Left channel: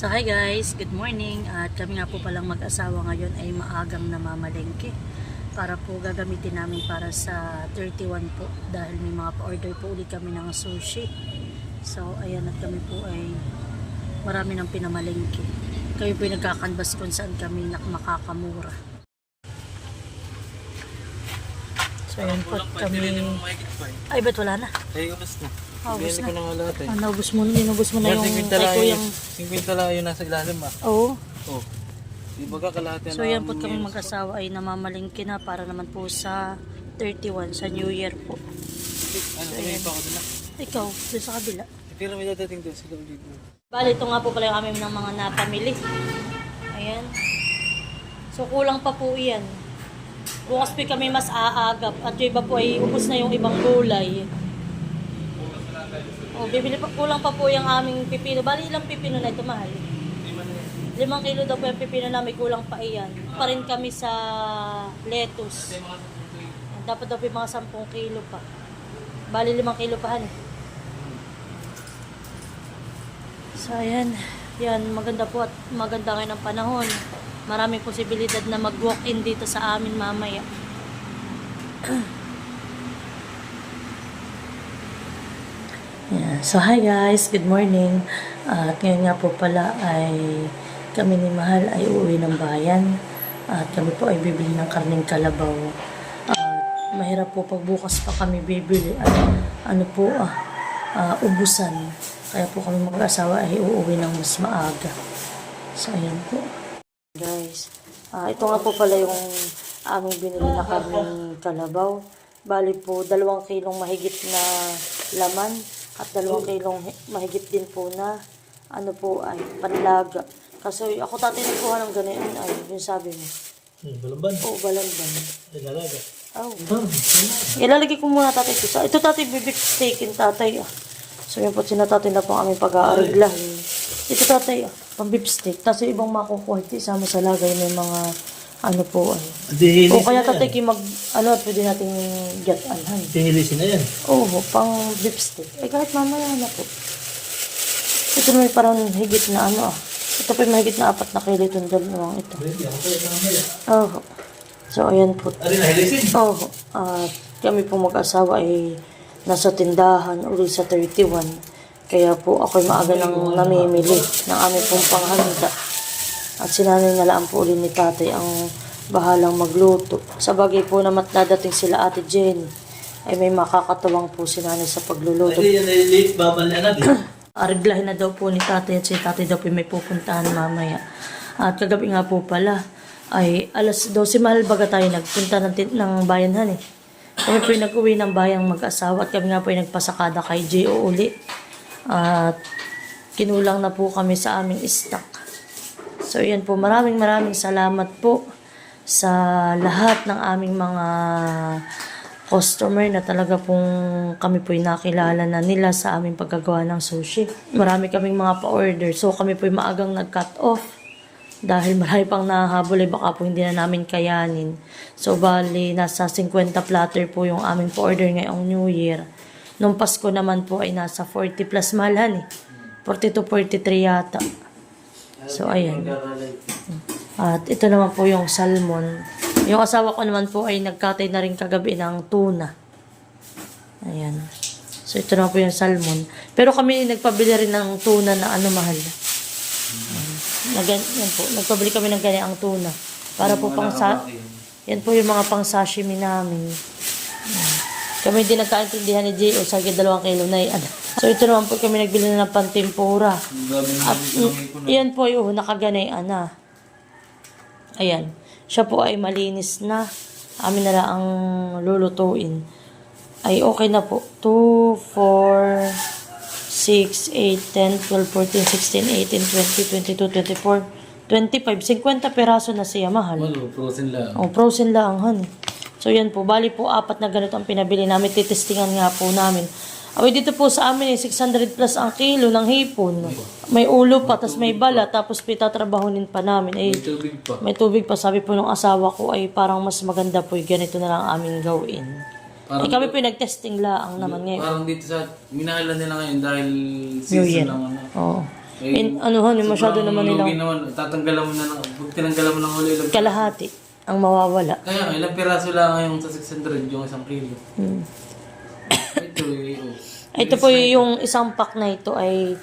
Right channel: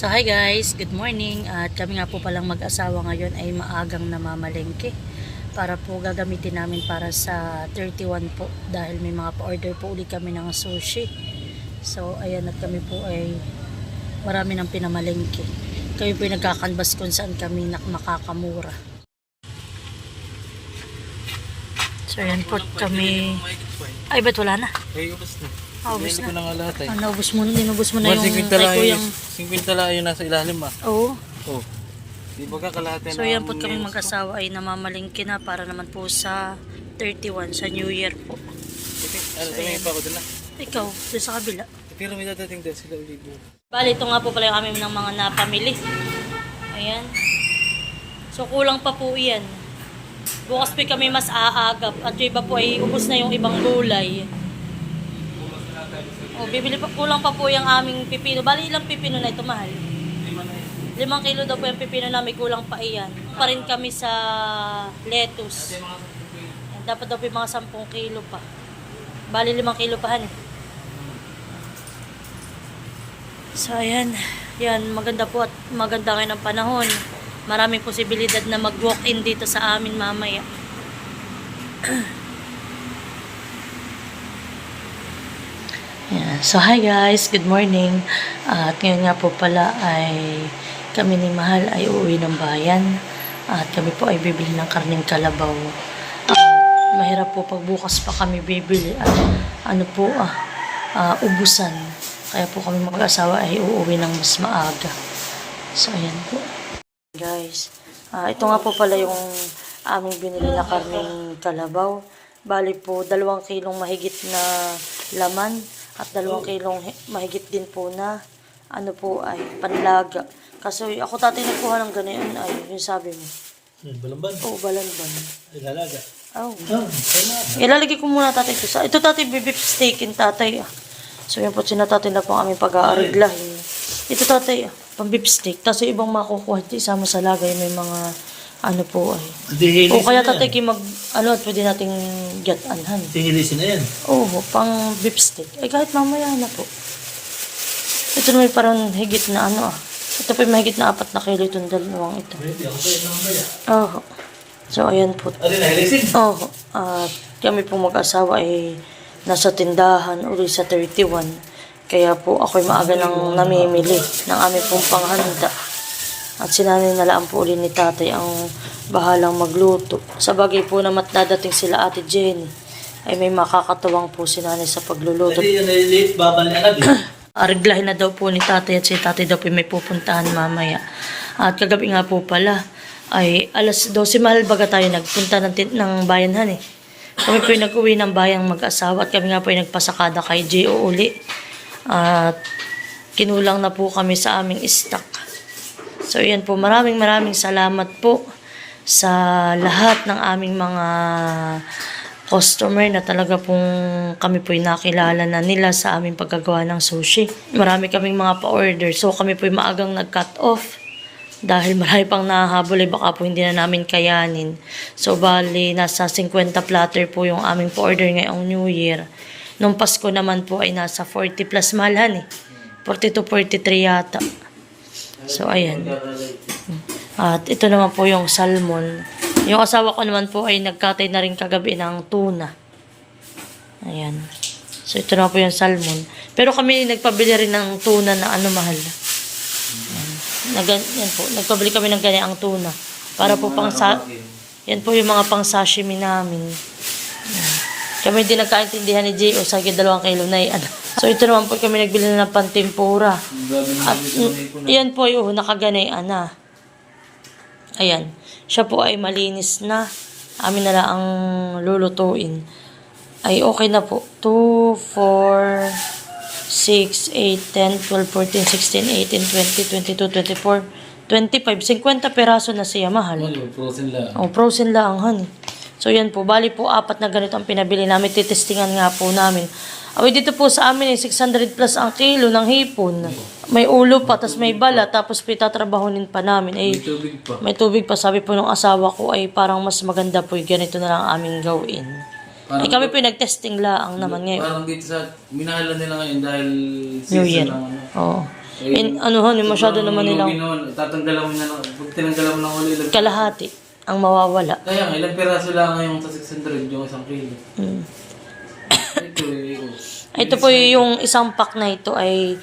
So hi guys, good morning. At kami nga po palang mag-asawa ngayon ay maagang namamalengke para po gagamitin namin para sa 31 po dahil may mga pa-order po ulit kami ng sushi. So ayan, at kami po ay marami ng pinamalengke. Kami po ay nagkakanbas kung saan kami makakamura. So ayan po kami. Ay, ba't wala na? Ay, ubos na. Ubos na. Ko na nga lahat eh. Naubos mo na, dinubos mo na yung kay kuyang. 50 lang yung nasa ilalim ah. Oo. Oh. Di ba ka kalahati So yan po kami mag-asawa ay namamalingki na para naman po sa 31 sa New Year po. Ano pa ako doon na? Ikaw, doon sa kabila. Pero may dadating doon sila. Bali, ito nga po pala yung aming ng mga napamili. Ayan. So kulang pa po yan. Bukas po kami mas aagap at yung iba po ay ubos na yung ibang gulay. Oh, bibili pa, kulang pa po yung aming pipino. Bali, ilang pipino na ito, mahal? 5 kilo daw po yung pipino na, may kulang pa iyan. Pa rin kami sa lettuce. Ayan, dapat daw po yung mga 10 kilo pa. Bali, 5 kilo pa han eh. So, ayan. Yan, maganda po at maganda ngayon ang panahon. Maraming posibilidad na mag-walk-in dito sa amin mamaya. Yeah. So hi guys, good morning. At ngayon nga po pala ay kami ni Mahal ay uuwi ng bayan. At kami po ay bibili ng karneng kalabaw. Mahirap po pagbukas pa kami bibili at ano po ubusan. Kaya po kami mag-asawa ay uuwi ng mas maaga. So ayan po. Guys, ito nga po pala yung aming binili na karneng kalabaw. Bali po 2 kilong mahigit na laman. At 2 kilong mahigit din po na ano po ay panlaga. Kasi ako tatay nagkuha ng ganyan ay yung sabi mo. Balamban? Oo, balamban. Lalaga? Oo. Ilalagay ko muna tatay ito sa. Ito tatay bibip steakin tatay ah. So yan po sinatatay na po ang aming pag-aariglahin. Ito tatay pang-beef steak. Tapos yung ibang makukuha ito isama sa lagay may mga ano po ay. O kaya tatay at pwede nating get-anhan. Tinilisin na yan. Oo, pang beef steak. Kahit mamaya na po. Ito na may parang higit na Ito pa may higit na 4 na kilo itong dalawang ito. Oo. So, ayan po. Oo. Kami po mag-asawa ay nasa tindahan uli sa 31. Kaya po ako'y maaga nang namimili ng aming pong panghanda. At sinanay na lang po uli ni tatay ang bahalang magluto. Sa bagay po na matdadating sila Ate Jenny, ay may makakatuwang po sinanay sa pagluluto. Ariglahin na daw po ni tatay at si tatay daw po may pupuntahan mamaya. At kagabi nga po pala, ay alas 12 mahal baga tayo nagpunta ng bayanhan eh. Kami po yung nag-uwi ng bayang mag-asawa at kami nga po yung nagpasakada kay J.O. uli. At kinulang na po kami sa aming stock. So, yan po. Maraming salamat po sa lahat ng aming mga customer na talaga pong kami po nakilala na nila sa aming paggagawa ng sushi. Marami kaming mga pa-order. So, kami po maagang nag-cut off dahil marami pang nahahabol. Baka po hindi na namin kayanin. So, bali, nasa 50 platter po yung aming pa-order ngayong New Year. Nung Pasko naman po ay nasa 40 plus malhan eh. 40 to 43 yata. So, ayan. At ito naman po yung salmon. Yung asawa ko naman po ay nagkatay na rin kagabi ng tuna. Ayan. So, ito naman po yung salmon. Pero kami nagpabili rin ng tuna na mahal. Yan po. Nagpabili kami ng ganyang tuna. Para po yan po yung mga pang sashimi namin. Ayan. Kami din nagkaintindihan ni J.O. sa 2 kilo na yan. So, ito naman po kami nagbili na ng pantempura. At yan po yung nakaganay na. Ayan. Siya po ay malinis na. Amin na lang ang lulutuin. Ay okay na po. 2, 4, 6, 8, 10, 12, 14, 16, 18, 20, 22, 24, 25. 50 peraso na siya, mahal. Frozen lang. Frozen lang, honey. So, yan po. Bali po, 4 na ganito ang pinabili namin. Titestingan nga po namin. Dito po sa amin, 600 plus ang kilo ng hipon. May ulo pa, tas may bala, tapos pitatrabahonin pa namin. May tubig pa. May tubig pa. Sabi po ng asawa ko ay parang mas maganda po. Ganito na lang aming gawin. Kami po nag-testing laang naman ngayon. Parang dito sa, minahalan nila ngayon dahil New season Year. ng Oo. Anuhan, masyado naman nilang Tatanggalan mo na lang. Pag tinanggalan mo ng huli, ilang... kalahati ang mawawala. Kaya nga, ilang piraso lang ngayon sa 600 yung isang kilo. Mm. Ito eh, oh. Ito po yung isang pack na ito ay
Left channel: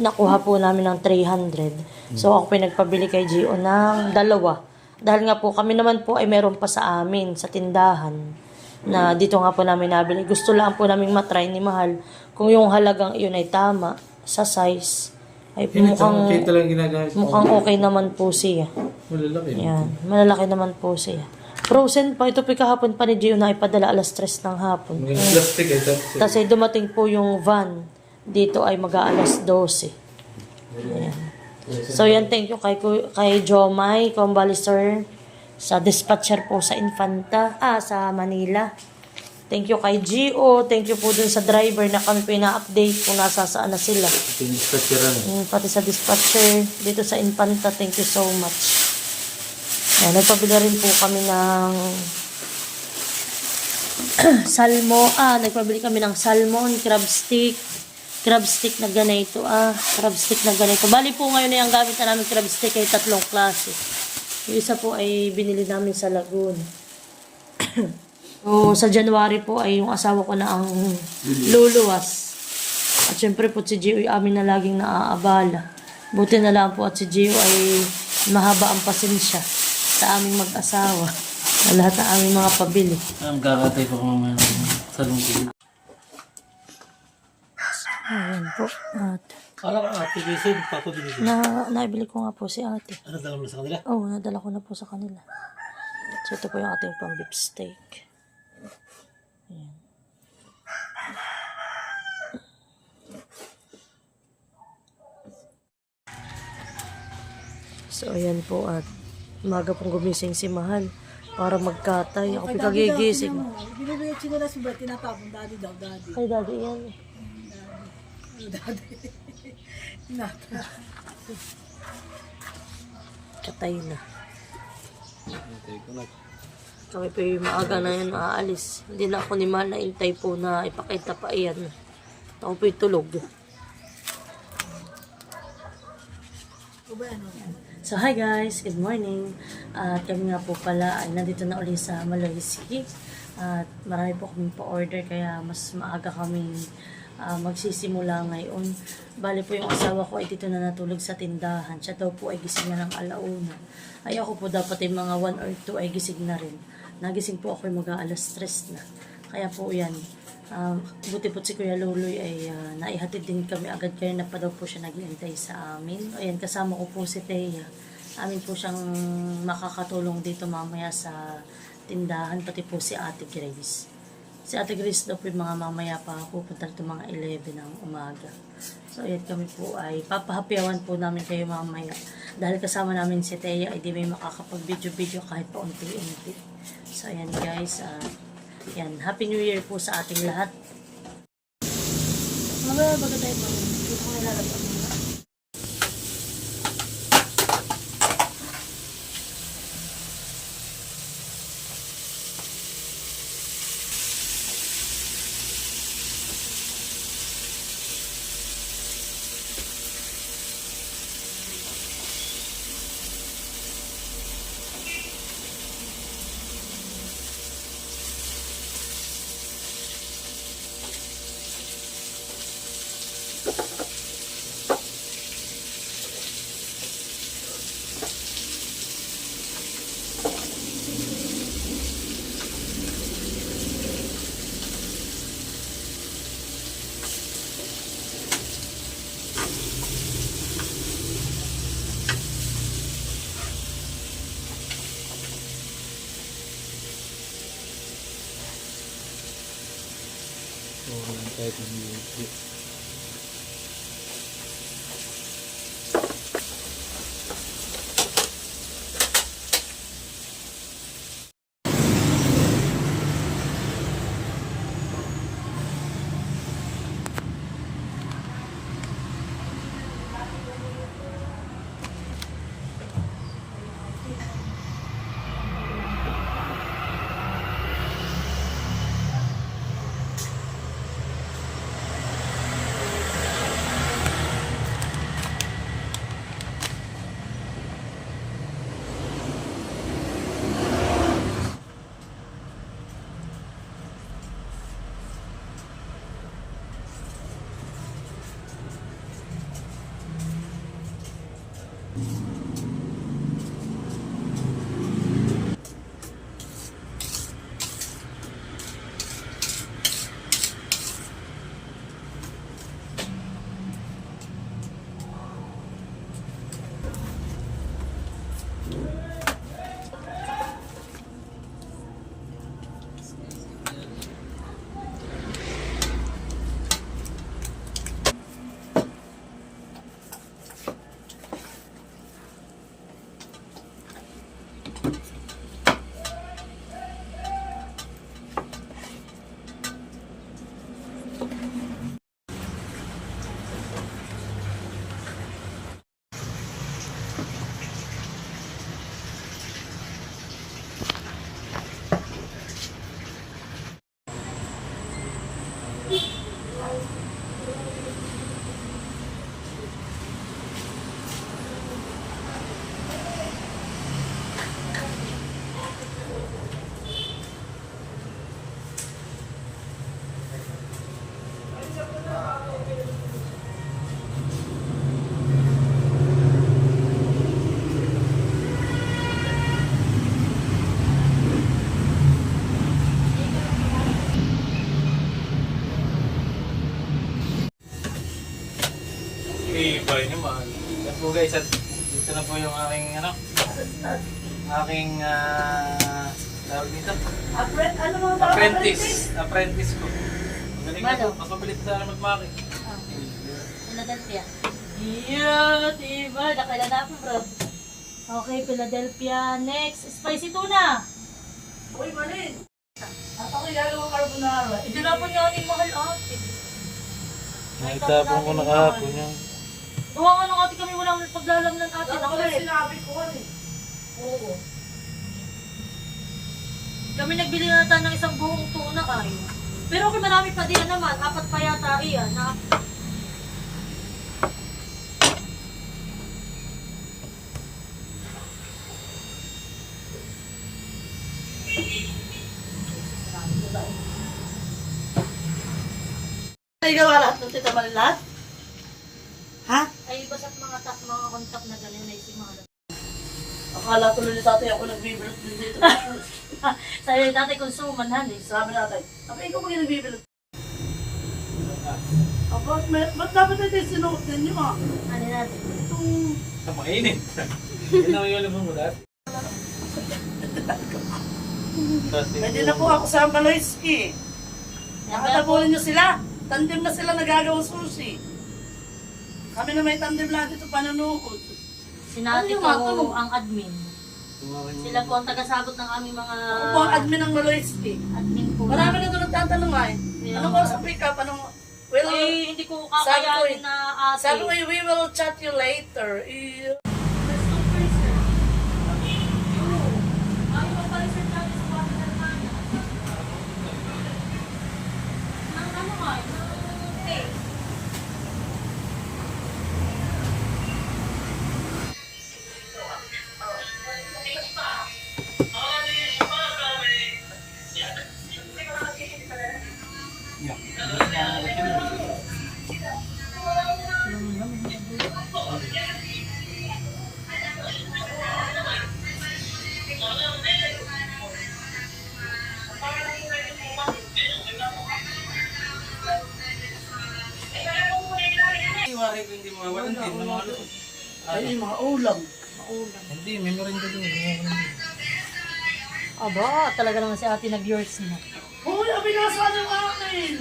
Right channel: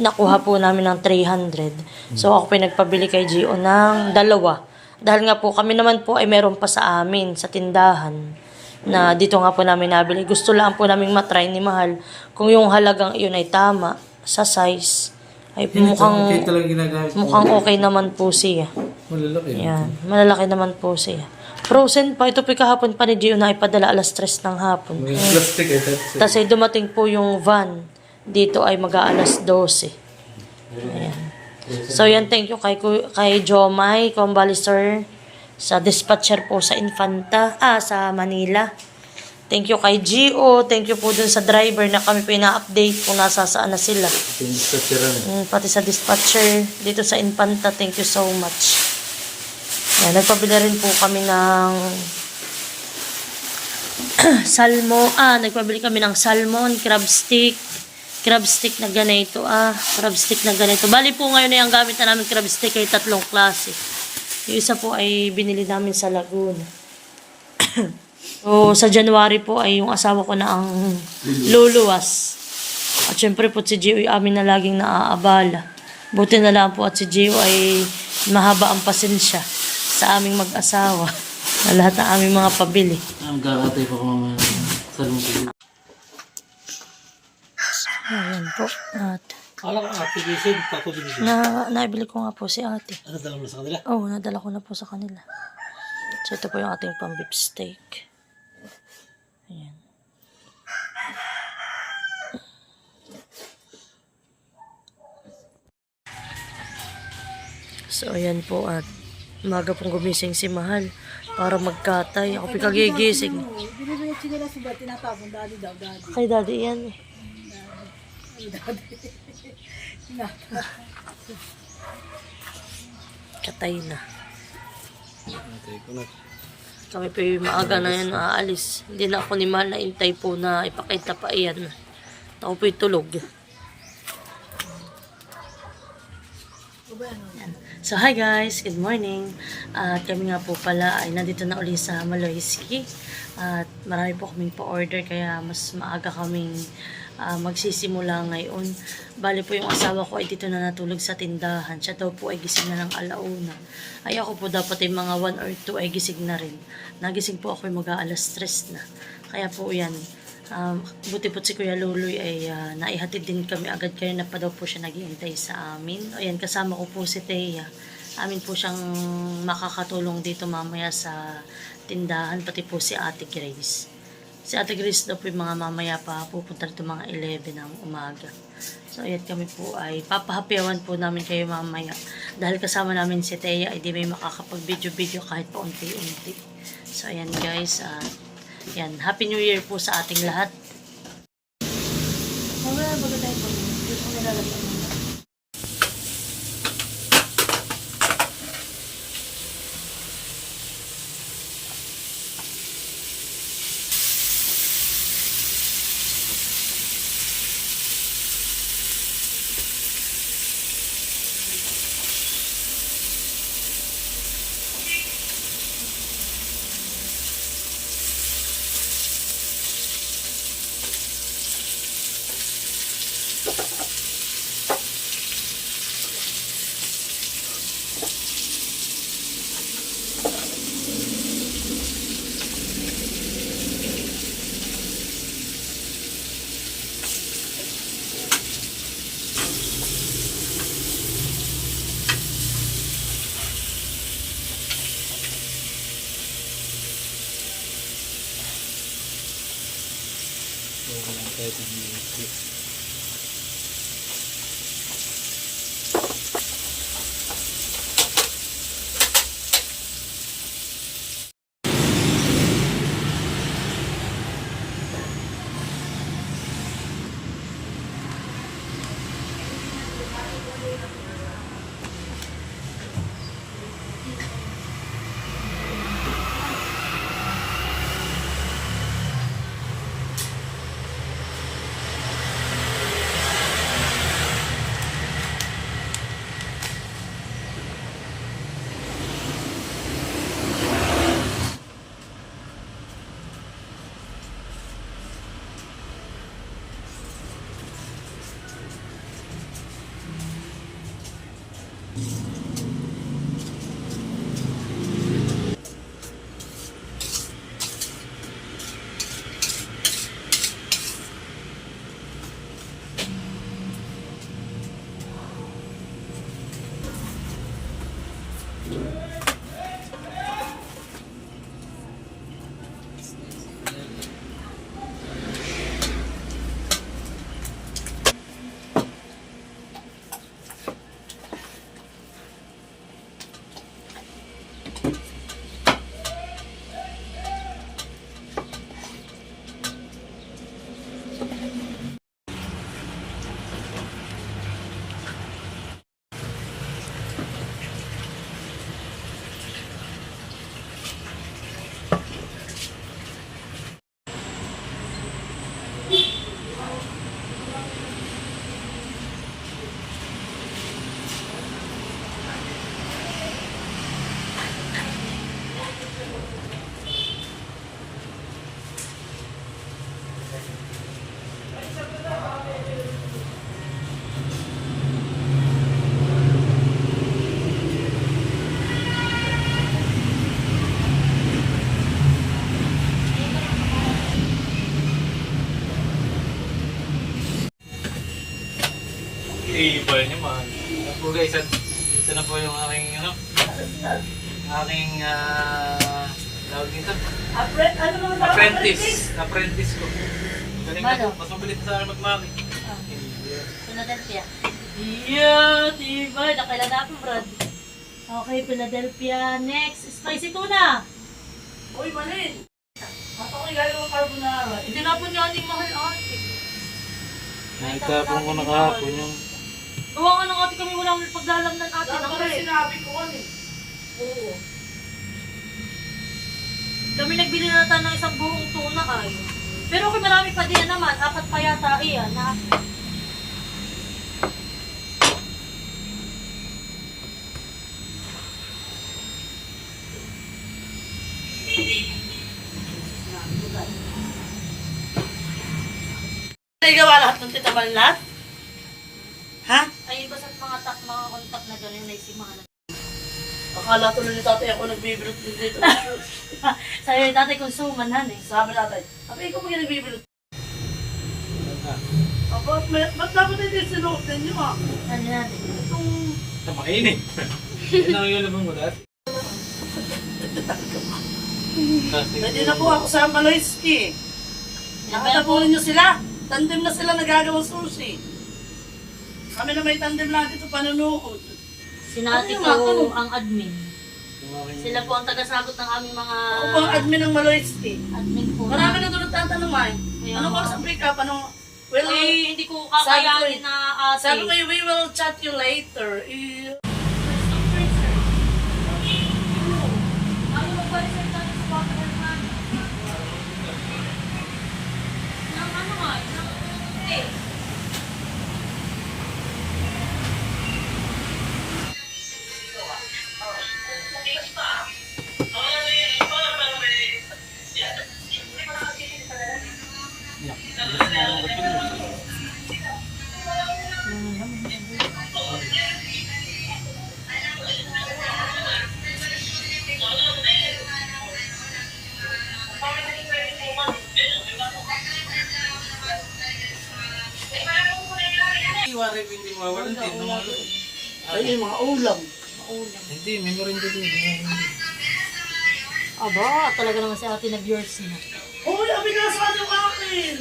nakuha po namin ng 300. So ako pinagpabili kay Gio ng dalawa. Dahil nga po kami naman po ay meron pa sa amin sa tindahan na dito nga po namin nabili. Gusto lang po namin matry ni Mahal kung yung halagang iyon ay tama sa size. Ay mukhang Ito lang ginagamit. mukhang okay naman po siya. Malalaki. Yan, malalaki naman po siya. Frozen pa. Ito po kahapon pa ni Gio na ipadala 3:00 ng hapon. Yung plastic ay tapos. Tapos ay dumating po yung van. Dito ay mag-12. Ayan. So yan, thank you kay Jomay, Convalister, sa dispatcher po sa Infanta, sa Manila. Thank you kay Gio, thank you po dun sa driver na kami po ina-update kung nasasaan na sila. Ito yung dispatcheran eh. Pati sa dispatcher dito sa Infanta, thank you so much. Yan, nagpabili rin po kami ng nagpabili kami ng salmon, crab stick na ganito, crab stick na ganito. Bali po ngayon ay ang gamit na namin crab stick ay 3 klase. Yung isa po ay binili namin sa Laguna. So, sa January po ay yung asawa ko na ang luluwas. At syempre po si Gio ay amin na laging naaabala. Buti na lang po at si Gio ay mahaba ang pasensya sa aming mag-asawa. Na lahat ng aming mga pabili. Ang kakatay po kung sa lungkot. Ayan po. At Kala ko ate Gisin, papabili ko. naibili ko nga po si ate. Ano dala mo na sa kanila? Oo, nadala ko na po sa kanila. So, ito po yung ating pang beef steak. Ayan. So, ayan po at umaga pong gumising si Mahal para magkatay. Ako pikagigising. Binibigay sila si Bert, tinatapon, dali daw, dali. Kay daddy yan eh. Katay na. Patay ko na. Kami pa yung maaga na yun aalis. Hindi na ako ni Mahal na intay po na ipakita pa iyan. Ako po yung tulog. Yan. So hi guys, good morning. At kami nga po pala ay nandito na uli sa Maloyski. At marami po kaming pa-order kaya mas maaga kaming magsisimula ngayon. Bali po yung asawa ko ay dito na natulog sa tindahan. Siya daw po ay gising na ng alauna. Ay ako po dapat ay mga 1 or 2 ay gising na rin. Nagising po ako ay mag-3 na. Kaya po yan. Buti po si Kuya Luloy ay naihatid din kami agad kaya na pa daw po siya naghihintay sa amin. Ayan, kasama ko po si Thea. Amin po siyang makakatulong dito mamaya sa tindahan, pati po si Ate Grace. Si Ate Grace daw po yung mga mamaya pa pupunta rito mga 11 ng umaga. So ayan, kami po ay papahapyawan po namin kayo mamaya. Dahil kasama namin si Thea ay di may makakapag-video-video kahit pa unti-unti. So ayan guys, yan, Happy New Year po sa ating lahat. Bago tayo po, gusto ko nilalabas. So, walang kahit ng music. I-ball niyo man. So guys, ito na po yung aking ano, aking tawag dito. Ano mga tawag? Apprentice ko. Galing na Ano? po, mas mabilis na sana magmaki. Philadelphia. Yeah, diba? Nakailan natin, Brad. Okay, Philadelphia. Next, spicy tuna. Uy, malin. At ako'y gagawang carbonara. Hindi na po niya ating mahal ate. Naitapon ko na kahapon yung Gawa nga ng ate kami walang paglalamnan ate. Ano Ako ba eh. sinabi ko eh? Oo. Kami nagbili na tayo ng isang buong tuna kayo. Pero okay, marami pa din naman. 4 pa yata iyan. Nagawa lahat ng tita Balat? Ha? Ay, basta't mga kontak na gano'n na isip mga Akala tuloy ni tatay ako nagbibilot din dito. Sabi ni tatay kung sumanhan eh. Sabi tatay, apa ikaw ba yung nagbibilot? Ba't dapat ito yung sinuot ninyo ah? Ano natin? Itong... napakainit. Yan ang yung labang mulat. Pwede na po ako sa Maloyski. Nakatapunin nyo sila. Tandem na sila nagagawang sushi. Kami na may tandem lang dito panunood. Sinati Ano yung ko mga ang admin. Sila po ang tagasagot ng aming mga Ako po ang admin ng Maloyski. admin po. Marami na doon nagtatanong ay. Kaya Ano ko nga. sa pick up? Anong... Well, Eh, hindi ko Sabi ko kakayanin eh. na ate. sabi ko, we will chat you later. Iwari ko hindi mawala. Hindi mawala. Ay, yung mga ulam. Hindi, memory din. Aba, talaga naman si ate nag-yours na. Hoy, abinasa yung akin!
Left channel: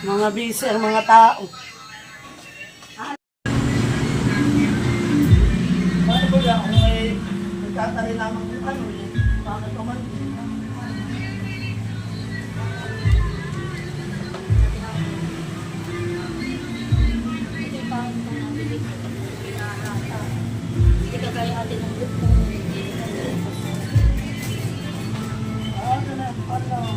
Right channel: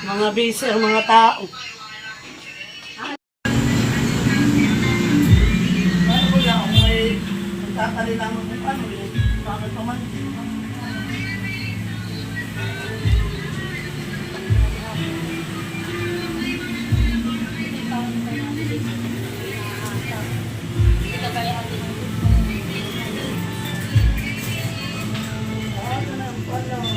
Mga busy ang mga tao. Ano ba yan? Kung may nagtatali lamang kung ano yun. Bakit pa man? Ano na, ano?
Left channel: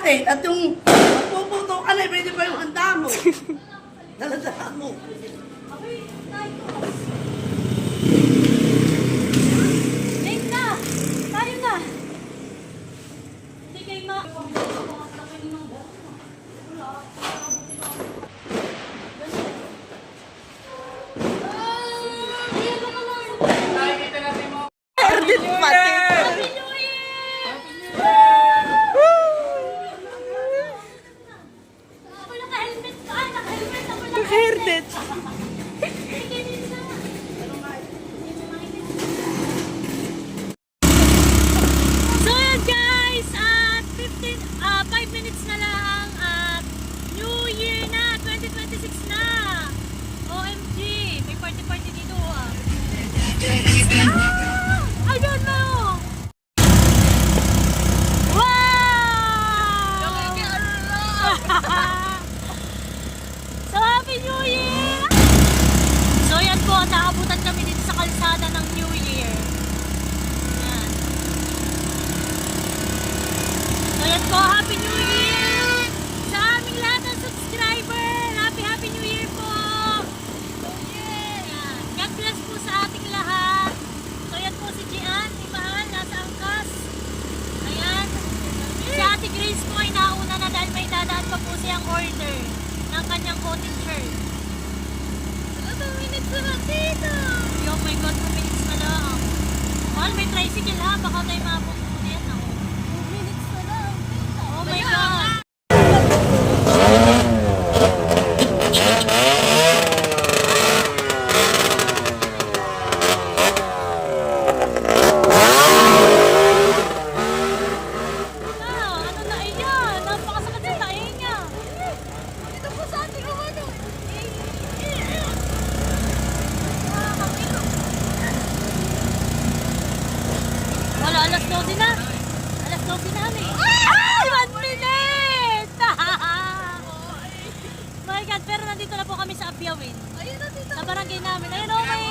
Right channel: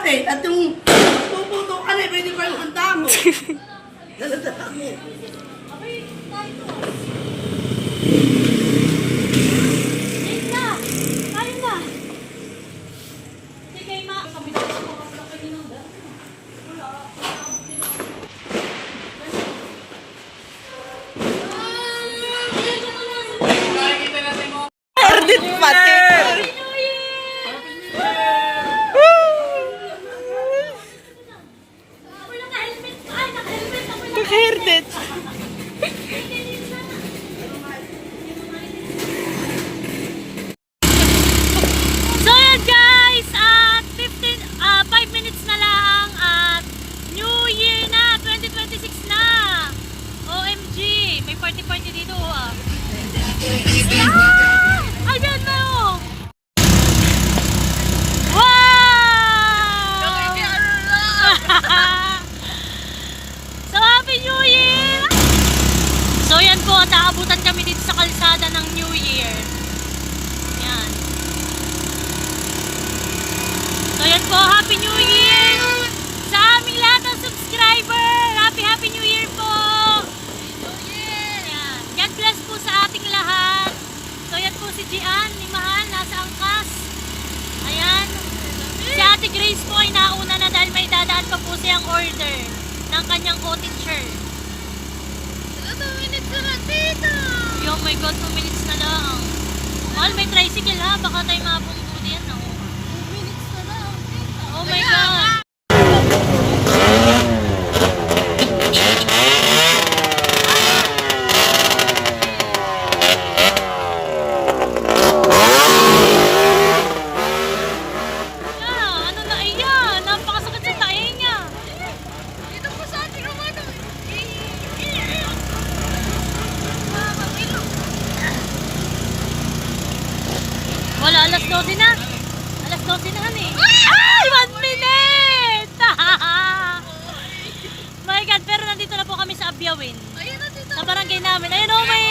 kalahati. At yung magpuputo ka na, pwede pa yung handa mo. Daladala mo. Late na! Tayo na! Sige, ma. Erdit pati. Erdit. So yun guys, at 5 minutes na lang at New Year na, 2026 na. OMG, may party dito ah. Ayan na oh. Wow! So Happy New Year! So yan po, at aabutan kami dito sa kalsada ng New Year. Yan. So yan po, Happy New Year! Sa aming lahat ng subscriber, Happy New Year po! Yan. God bless po sa ating lahat. So yan po si Gian, ni Mahal, nasa angkas. Ayan. Si Ate Grace po ay nauna na dahil may dadaan pa po siyang order ng kanyang cottage shirt. 2 minutes na lang dito. Oh my God, 2 minutes na lang. Mahal, may tricycle ha. Baka tayo mabunggo yan. 2 minutes na lang dito. Oh my God. Ano na iyan? Napakasakit sa tae niya. Dito po sa ating umano. Wala, alas 12 na. Alas 12 na eh. Ay! 1 minute! My God, pero nandito na po kami sa Abyawin. Sa barangay namin. Ayun oh, may...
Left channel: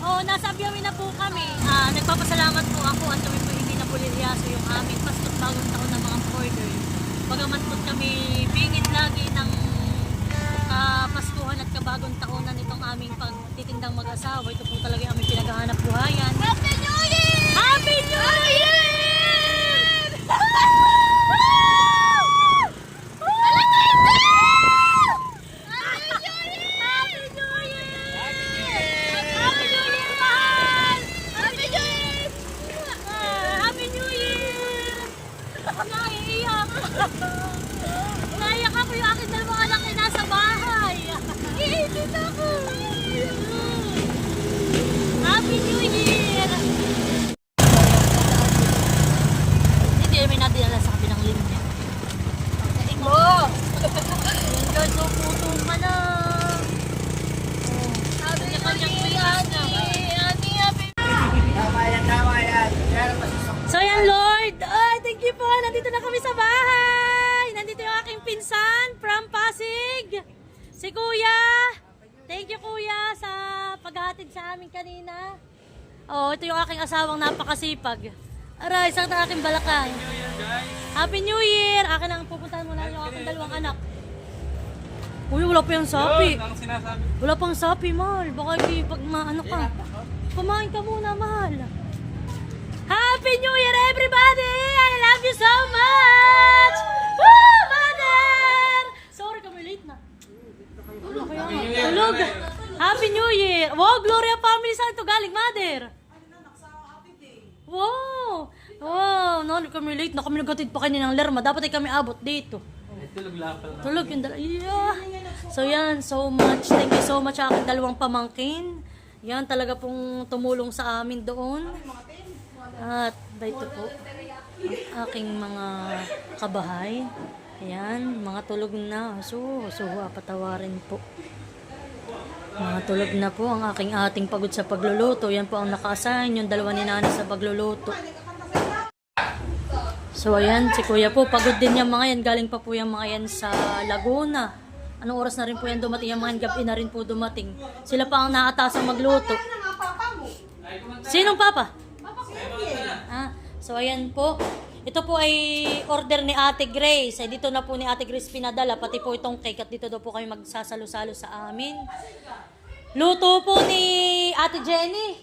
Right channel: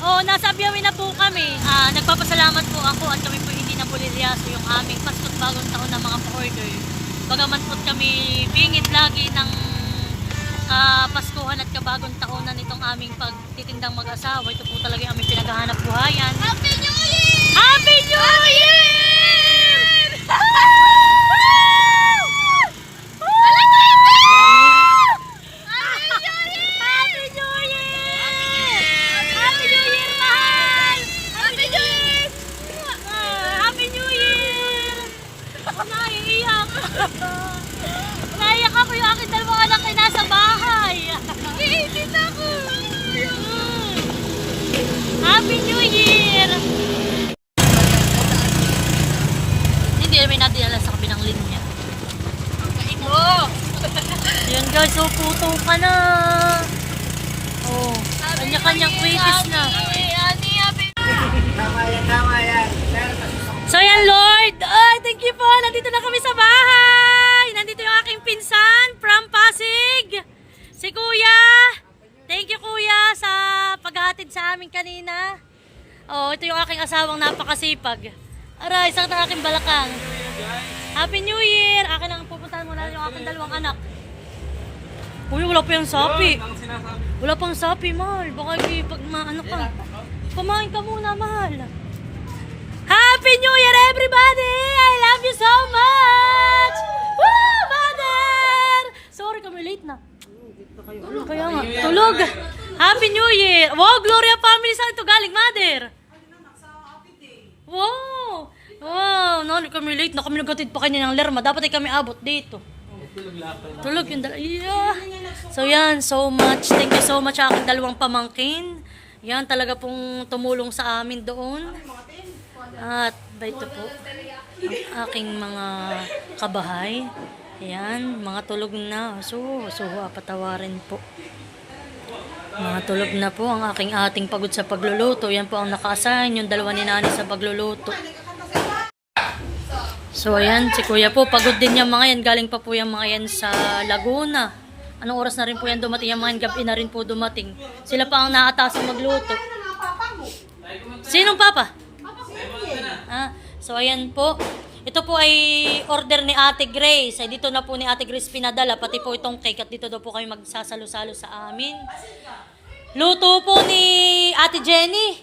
Oo, nasa Abyawin na po kami. Nagpapasalamat po ako at kami po hindi na puliryaso yung aming Pasko't Bagong Taon na mga pa-order. Bagaman po kami pingit lagi ng Paskuhan at Kabagong Taonan itong aming pagtitindang mag-asawa. Ito po talaga yung aming pinaghahanap buhayan. Happy New Year! Happy New Year! Happy New Year! Happy New Year, mahal! Happy New Year! Happy New Year! Naiiyak! Naiiyak ako yung aking dalawang anak ay nasa bahay. Iilit ako. Happy New Year! Hindi namin nadinala sa kabilang linya. Mo! Yun guys, so puto ka na. Oh, kanya-kanyang waitress na. So yan Lord, ay thank you po, nandito na kami sa bahay. Nandito yung aking pinsan from Pasig, si Kuya. Thank you Kuya sa paghahatid sa amin kanina. Oh, ito yung aking asawang napakasipag. Aray, isang na aking balakang. Happy New Year! Akin ang pupuntahan muna yung aking dalawang anak. Uy, wala pa yung sapi. Wala pang sapi, mahal. Baka pag maano ka. Kumain ka muna, mahal. Happy New Year, everybody! I love you so much! Woo, mother! Sorry kami, late na. Tulog kaya nga. Tulog! Happy New Year! Wow, Gloria family, saan ito galing, mother? Wow! Wow, no, kami late na kami nagkatid pa kanina ng Lerma. Dapat ay kami abot dito. Tulog yung yeah. So yan, so much. Thank you so much sa aking dalawang pamangkin. Yan, talaga pong tumulong sa amin doon. At dito po, ang aking mga kabahay. Ayan, mga tulog na. So patawarin po. Mga tulog na po ang ating pagod sa pagluluto. Yan po ang naka-assign, yung dalawa ni Nani sa pagluluto. So ayan, si Kuya po, pagod din yung mga yan. Galing pa po yung mga yan sa Laguna. Anong oras na rin po yan dumating? Yung mga yan, gabi na rin po dumating. Sila pa ang naatasang magluto. Sinong papa? So ayan po, Ito po ay order ni Ate Grace. Ay dito na po ni Ate Grace pinadala. Pati po itong cake at dito daw po kami magsasalo-salo sa amin. Luto po ni Ate Jenny.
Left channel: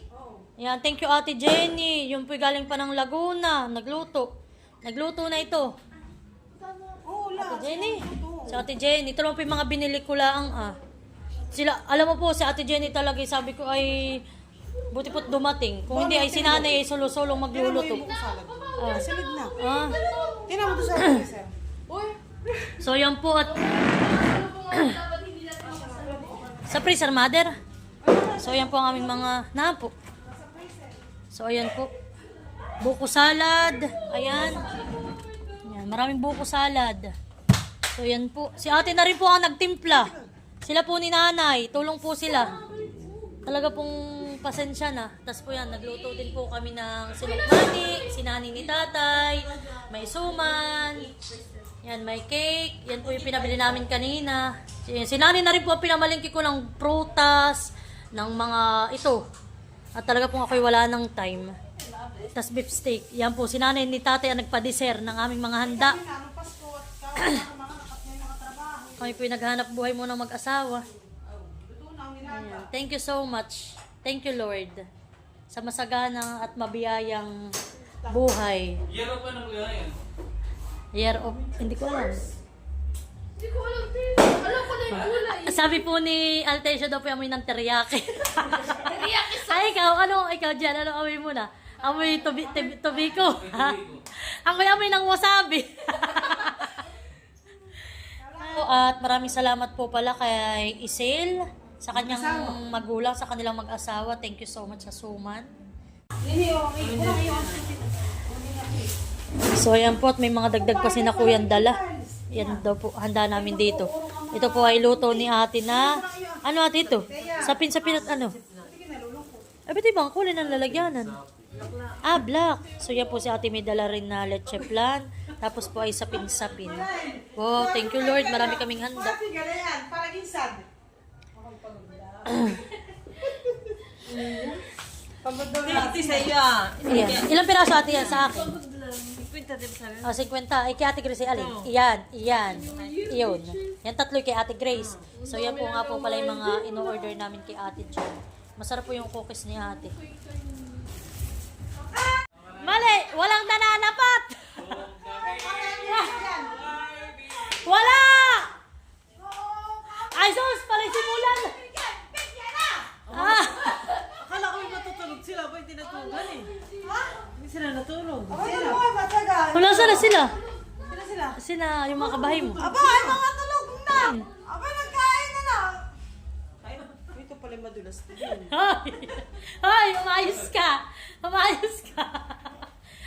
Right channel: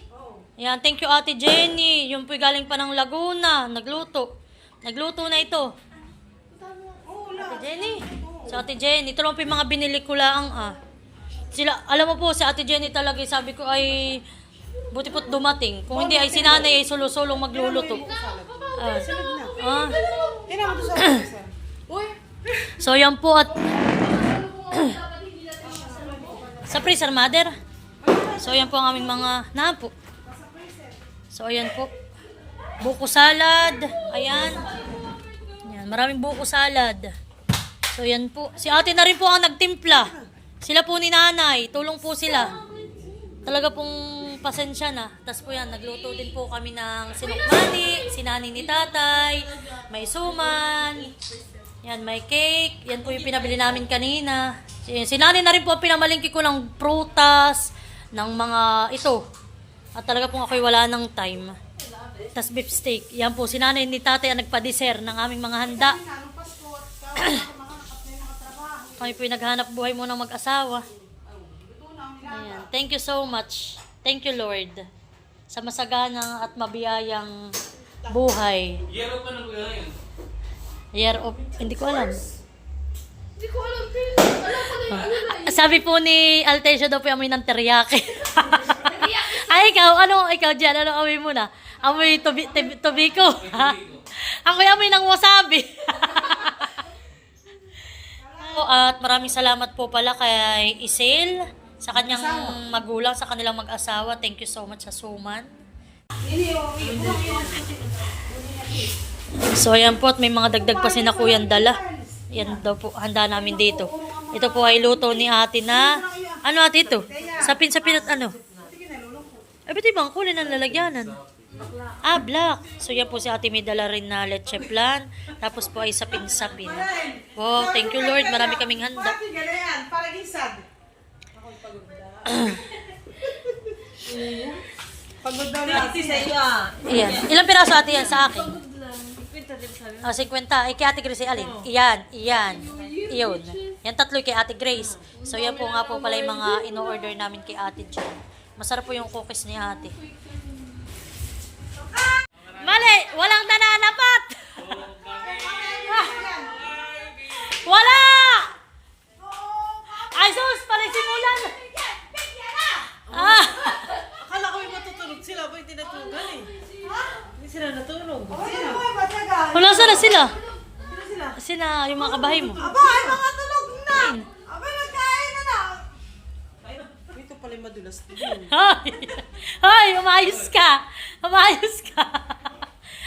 Yan, thank you Ate Jenny. Yung po galing pa ng Laguna. Nagluto na ito. Ate Jenny. Si Ate Jenny. Ito lang po yung mga binili ko lang Sila, alam mo po, si Ate Jenny talaga, sabi ko ay buti po't dumating. Kung hindi ay sinanay ay solo-solong magluluto. So yan po at sa freezer mother. So yan po ang aming mga napo. So ayan po. Buko salad. Ayan. Yan, maraming buko salad. So yan po. Si ate na rin po ang nagtimpla. Sila po ni nanay. Tulong po sila. Talaga pong pasensya na. Tapos po yan, nagluto din po kami ng sinukmani, sinani ni tatay, may suman, yan, may cake. Yan po yung pinabili namin kanina. Sinani na rin po ang pinamalingki ko ng prutas, ng mga ito. At talaga pong ako'y wala ng time. Tapos beef steak. Yan po, sinani ni tatay ang nagpa-dessert ng aming mga handa. Kami po yung naghanap buhay mo ng mag-asawa. Ayan. Thank you so much. Thank you, Lord, sa masaganang at mabiyayang buhay. Year of ano po yun? Year of... Hindi ko alam. Sabi po ni Altesia daw po yung amoy ng teriyaki. Ay, ikaw, ikaw dyan, ano amoy mo na? Amoy tobiko. Ako'y amoy ng wasabi. At maraming salamat po pala kay Isel, sa kanyang magulang, sa kanilang mag-asawa. Thank you so much sa suman. So ayan po, at may mga dagdag pa si na Kuyang dala. Yan daw po, handa namin dito. Ito po ay luto ni ate na, ano ate ito? Sapin-sapin at ano? Ay, ba't ibang kulay ng lalagyanan? Black. So yan po si ate may dala rin na leche flan. Tapos po ay sapin-sapin. Wow, thank you Lord. Marami kaming handa. Iyan. Ilang piraso ate yan sa akin? 50. Ay kay ate Grace alin? Iyan. Iyon. Yan tatlo kay ate Grace. So yan po nga po pala yung mga ino-order namin kay ate Jen. Masarap po yung cookies ni ate. Mali! Walang nananapat! Wala! Ay, sus! Palisimulan! Akala ko yung matutulog sila. Ba yung tinatugan eh? Hindi sila natulog. Wala sila sila. Sila sila. Sila, yung mga kabahay mo. Aba, ay mga tulog na! Aba, nagkain na lang! Ito pala yung madulas din. Ay, umayos ka.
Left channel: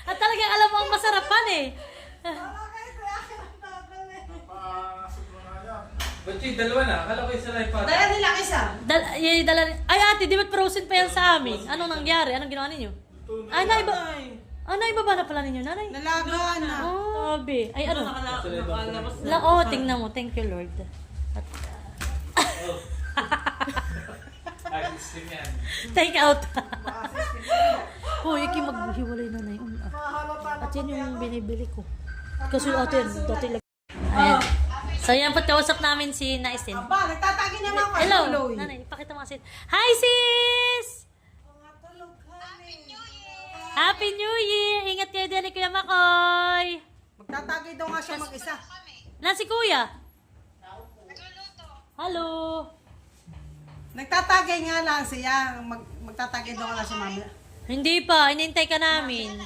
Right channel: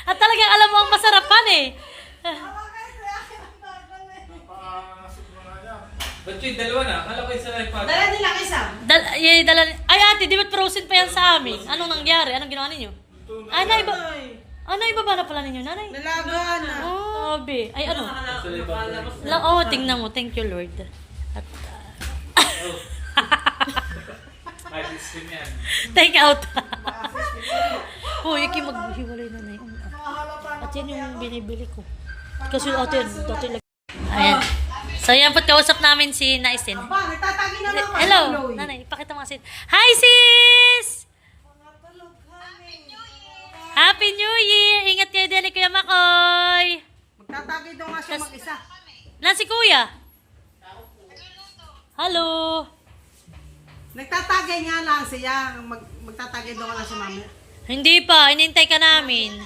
At talagang alam mo ang masarapan eh. Ba't yung dalawa na? Akala ko yung sa life pattern. Dala nilang isa. Ay ate, di ba't frozen pa yan sa amin? Anong nangyari? Anong ginawa ninyo? Ay, naibaba na pala ninyo, nanay? Nalaga na. Oh, be. Ay, ano? Sa life pattern. Tingnan mo. Thank you, Lord. At, Ay, system yan. take out. Iki maghiwalay na na yun. At yan yung binibili ko. Kasi ate, dati lang. Ayan. So, yan po't kausap namin si Naisin. Aba, nagtatagi na lang ako. Hello, nanay. Ipakita mo kasi. Hi, sis! Happy New Year! Ingat kayo din ni Kuya Makoy! Magtatagi daw nga siya mag-isa. Na si Kuya? Hello! Nagtatagay nga lang siya. Magtatagay daw nga lang siya mamaya. Hindi pa. Inintay ka namin.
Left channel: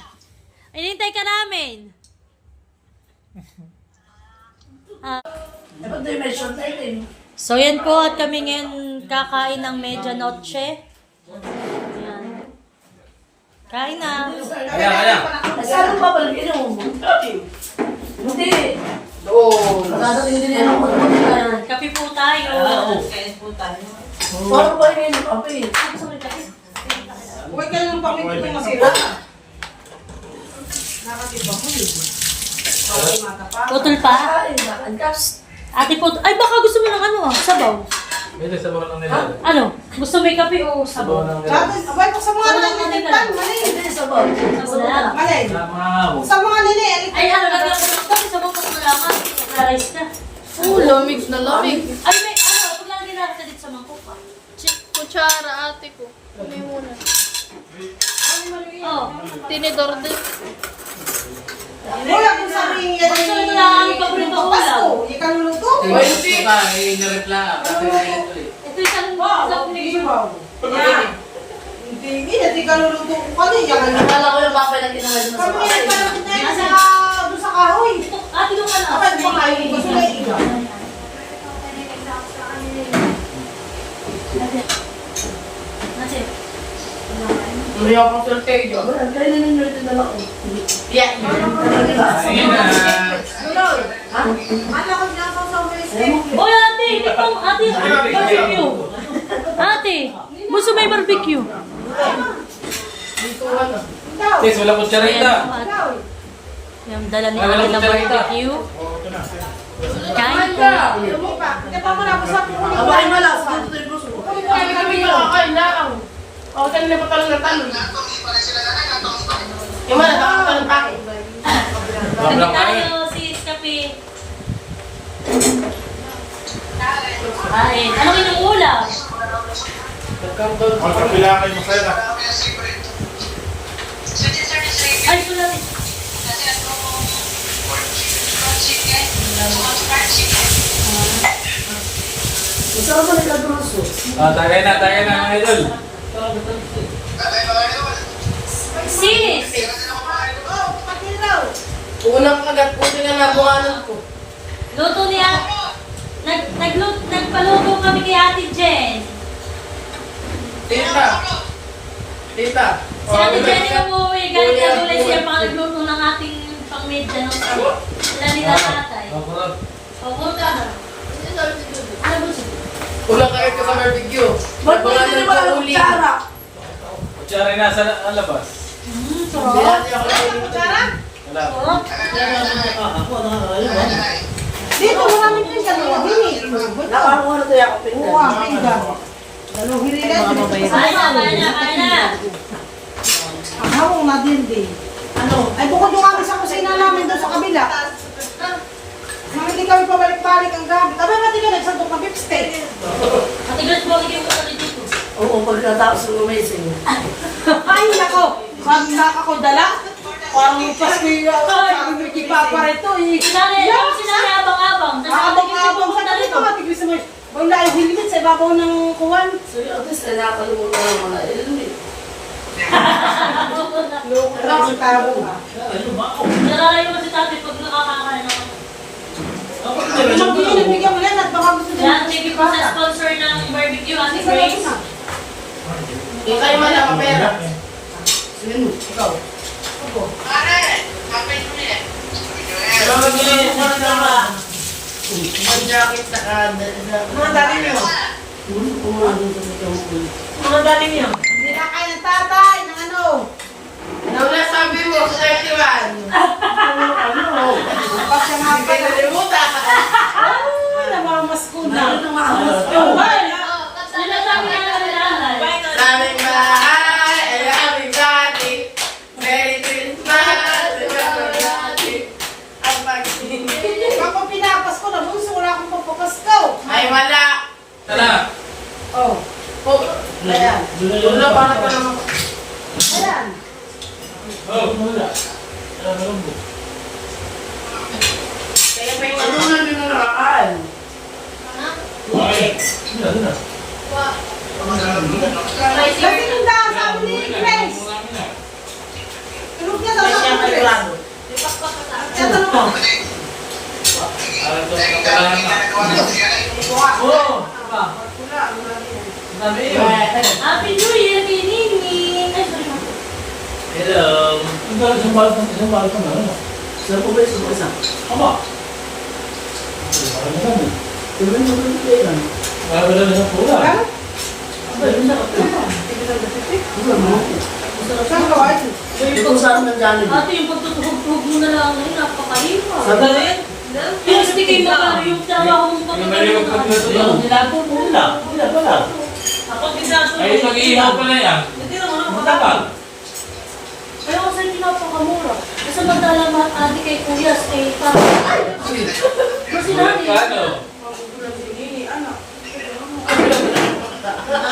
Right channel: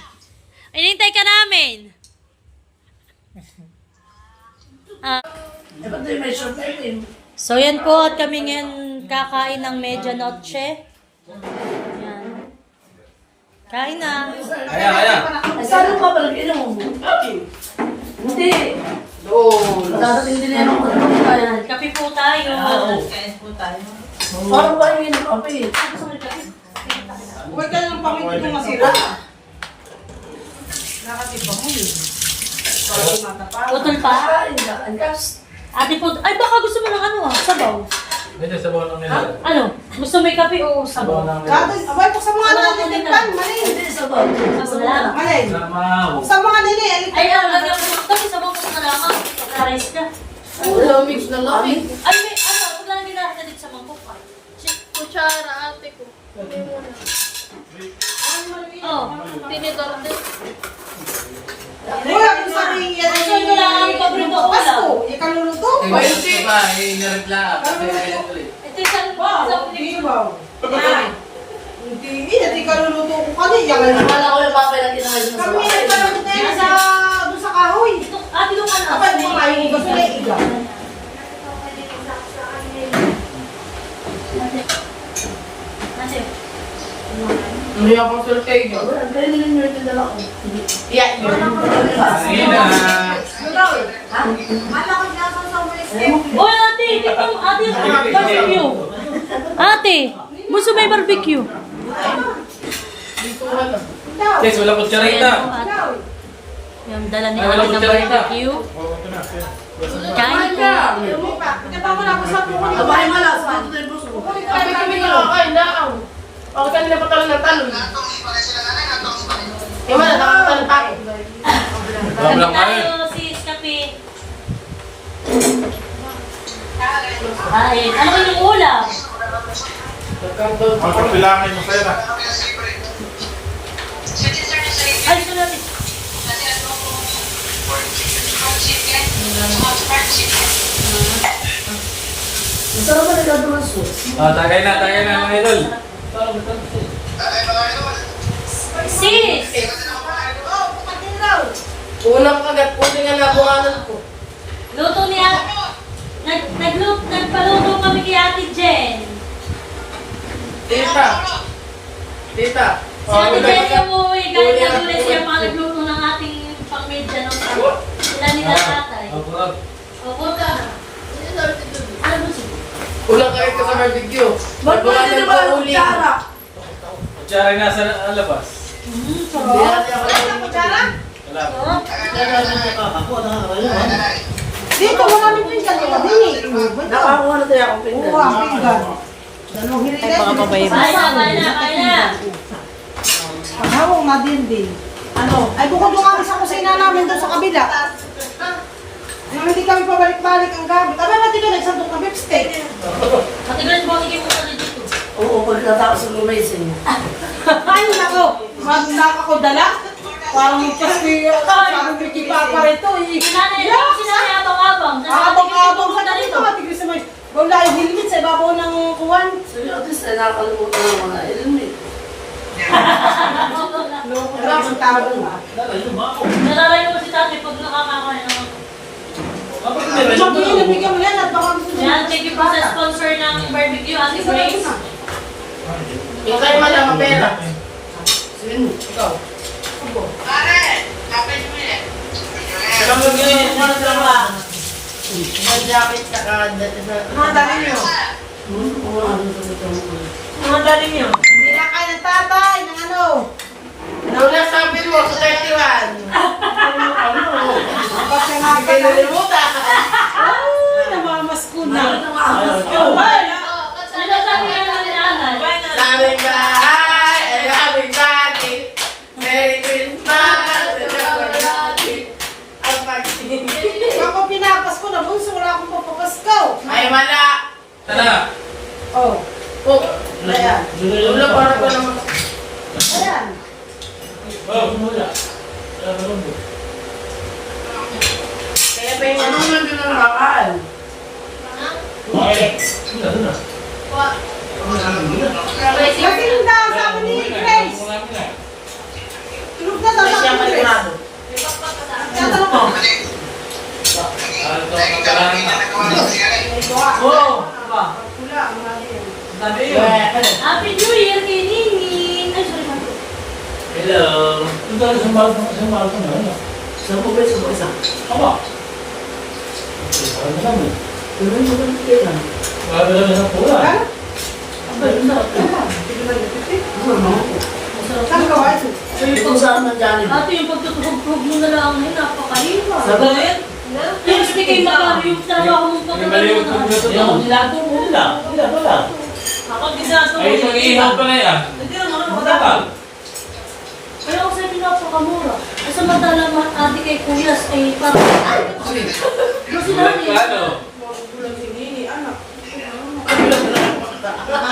So yan po at kami ngayon kakain ng medianoche. Yan. Kain na. Kaya. Saan ba pala mo? Hindi. Magdadating din yan ako. Kape po tayo. Parang ba yung kape? Huwag ka lang pamit ito masira. Nakatipa mo yun. Putol pa. Ay, nakankas. Ate po. Ay baka gusto mo ng ano sabaw. Medyo sabaw lang nila. Ano? Gusto may kape o Sabaw sabaw? lang nila. Abay, sa mga naliligtan, mali. Sabaw. Sabaw na lang. Mali. Lamaw. Sa mga nililigtan. Ay, ano, lagyan ko ng kape, sabaw ko sa malaman. Rice ka. Lamig na lamig. Ay, may, ano, paglalagyan natin dito sa mangkok pa. Kutsara ate ko. Kunin mo na. Oh. Tinidor din. Wala kung sabihin yan Gusto ko lang ang paborito ko Pasko, ulam. ikaluluto. Diba, inaritla. Ito isang isang Hindi ba? Hindi, hindi kaluluto ko kanina. Wala ko yung papay na kinamay mo sa Kami bahay. pa lang tayo sa doon sa kahoy. Ito, ate yung ano. Kapag kumakain ko gusto na iga. Kasi, May akong sultay dyan. Kaya na nang naritin na lang ako. Yeah. Ayun na. Ano ko na po sa Facebook? Oy, ate, ito, ate, barbecue. Ate, gusto may barbecue. Guys, wala kong Ayan charita. po, ate. Yung dala ni ate ng barbecue. Kain po. Ito mo na ako sa puno. Abay malas. Dito tayo puso ko. Kami nakakain lang. O, kanina pa talong na talong. Yung mga nakatalong pa ako. Kami tayo, sis, kape. Ay, ano yung ulam? Magkapilangan mo sa'yo. Ay, sulat. Masarap ba nila bruso? Tagay na mga idol. Sis! Unang kagat po din ang nabunganan ko. Luto niya. Nagpaluto kami kay Ate Jen. Tita. Tita. Si Ate Jen yung umuwi. Kahit nagulis siya mga nagluto ng ating pang-media ng sila nila tatay. Maburot. O, buto ano? Ano buto? Unang kagat ko sa barbecue. Ba't mo Nabunganan hindi ko naman uli. kutsara? Kutsara yung nasa labas. Hindi natin ako nalilimutan. Wala. Dito mo namin pinggan. Hindi. Nakakuha na tayo ako pinggan. Oo, pinggan. Dalawang hirilay. Kain na. Ang madindi. Ano? Ay, bukod yung kami sa kusina namin doon sa kabila. Nang hindi kami pabalik-balik ang gamit. Abay, mati ka nagsandok ng beef steak. Ate Grace, bumalik yung ulo dito. Oo, pagkatapos ng lumising. Ay, nako. Magnak ako dala. Parang yung paski, parang may kipapa rito. Sinanay abang-abang. Abang-abang sa dito. Matigris mo. Wala yung helmet sa ibabaw ng kuwan. So yun, at least nakakalimutan lang ko na. Yun eh. Wala akong tawag na. Nalalayo mo si Tati pag nakakakain ako. Mag-iinit, bigyan mo yan at baka gusto mo. Yan, thank you po sa sponsor ng barbecue, Ate Grace. Yung kayo malamang pera. Sino? Ikaw. Pero mag-iinit mo na dalawa. Ang jacket saka... Mga dali nyo. Mga galing yun. Hindi na kayo ng tatay ng ano. Wala sabi mo sa 31. Basta nga Hindi kayo nalimutan. Ay, namamas ko na. Ano na sabi nga naman ni nanay? Aming bahay ay aming dati. Merry Christmas! Ang pag-ibig. Ako pinapas ko na bunso, wala akong papapasko. Ay wala. Tara. Oh, Oh, ayan. Wala para pa naman. ayan. Kaya pa yung ano na din ang nakakain. Kasi nung dahil sabi ni Grace. Tulog na daw May sabi siyang ni Grace. maligado. Tatanong ko. Happy New Year, Nini! Ay, sorry. Hello. Saan po ba yung isa? Tuloy mo ba yung kailan? Ano? Abay, ang sarap yun. Saan ka ba? Yung pagsarap ng Jollibee. Ate, yung pagtutuhog-tuhog mo na lang ngayon, napakaliwa. Sagalit? Yung Kasi kayo magkano yung trabaho mong Malimot ko dito. Yung nilago mo lang. Wala. Ako ginagawa. Ay, mag-iihaw pa na yan. Hindi naman. Matapang. Kaya kasi pinapakamura. Kasi madala mga ate kay Kuyas ay parang... Kasi natin. Ano? Wala,